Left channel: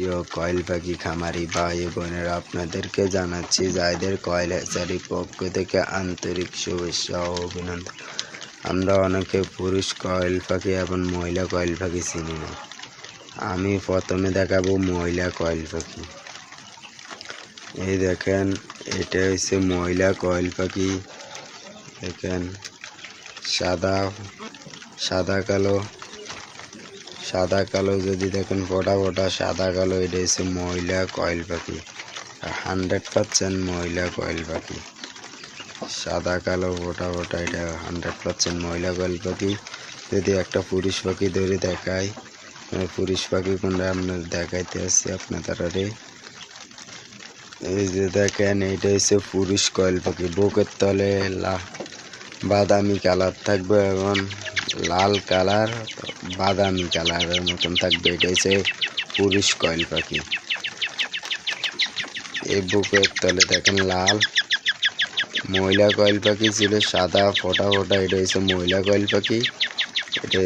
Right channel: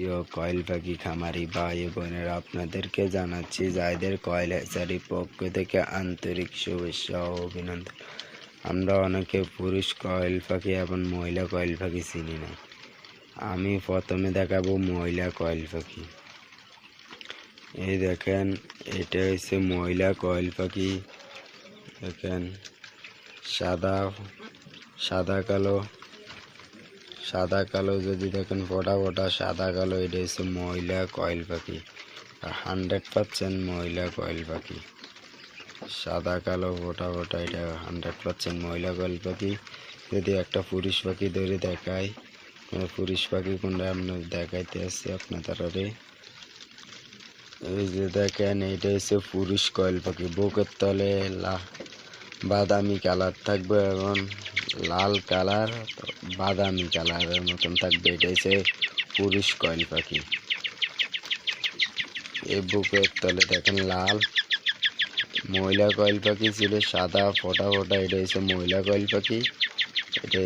প্রিয় কয়েল পাখি খামারি ভাই বোনেরা, আপনাদেরকে জানাচ্ছি জায়েদের কয়েল হ্যাচারির পক্ষ থেকে আন্তরিক শুভেচ্ছা ও অভিনন্দন। আমরা অনেকে পুরুষ কয়েল পাখি এবং মহিলা কয়েল পাখি চিনি না। আমি প্রথমে দেখাবো মহিলা কয়েল পাখি। এই দেখেন, এটা হচ্ছে মহিলা কয়েল পাখি। দেখেন, সাদা কালো যদি দেখেন, ফোটা ফোটা সাদা কালো, এটা হচ্ছে মহিলা কয়েল পাখি। 100% মহিলা কয়েল পাখি। সাদা কালো ফোটা ফোটা, এটা 100% মহিলা কয়েল পাখি। যদি একটা পুরুষ পাখি ধরে দেখায়, পুরুষ পাখি কোনটা আপনার দেখাইতে আসছে আপনাদের। এই যে দেখেন, এটা হচ্ছে পুরুষ কয়েল পাখি। বুকের তলে বাদামি কালার থাকবে এবং লাল কালার বাদামি কালারের মতন থাকবে। এটা হচ্ছে পুরুষ কয়েল পাখি। এই বুকের তলে দেখেন লাল। মহিলা কয়েল পাখি ছিল সাদা ফোটা ফোটা, এটা হচ্ছে মহিলা কয়েল পাখি। এটা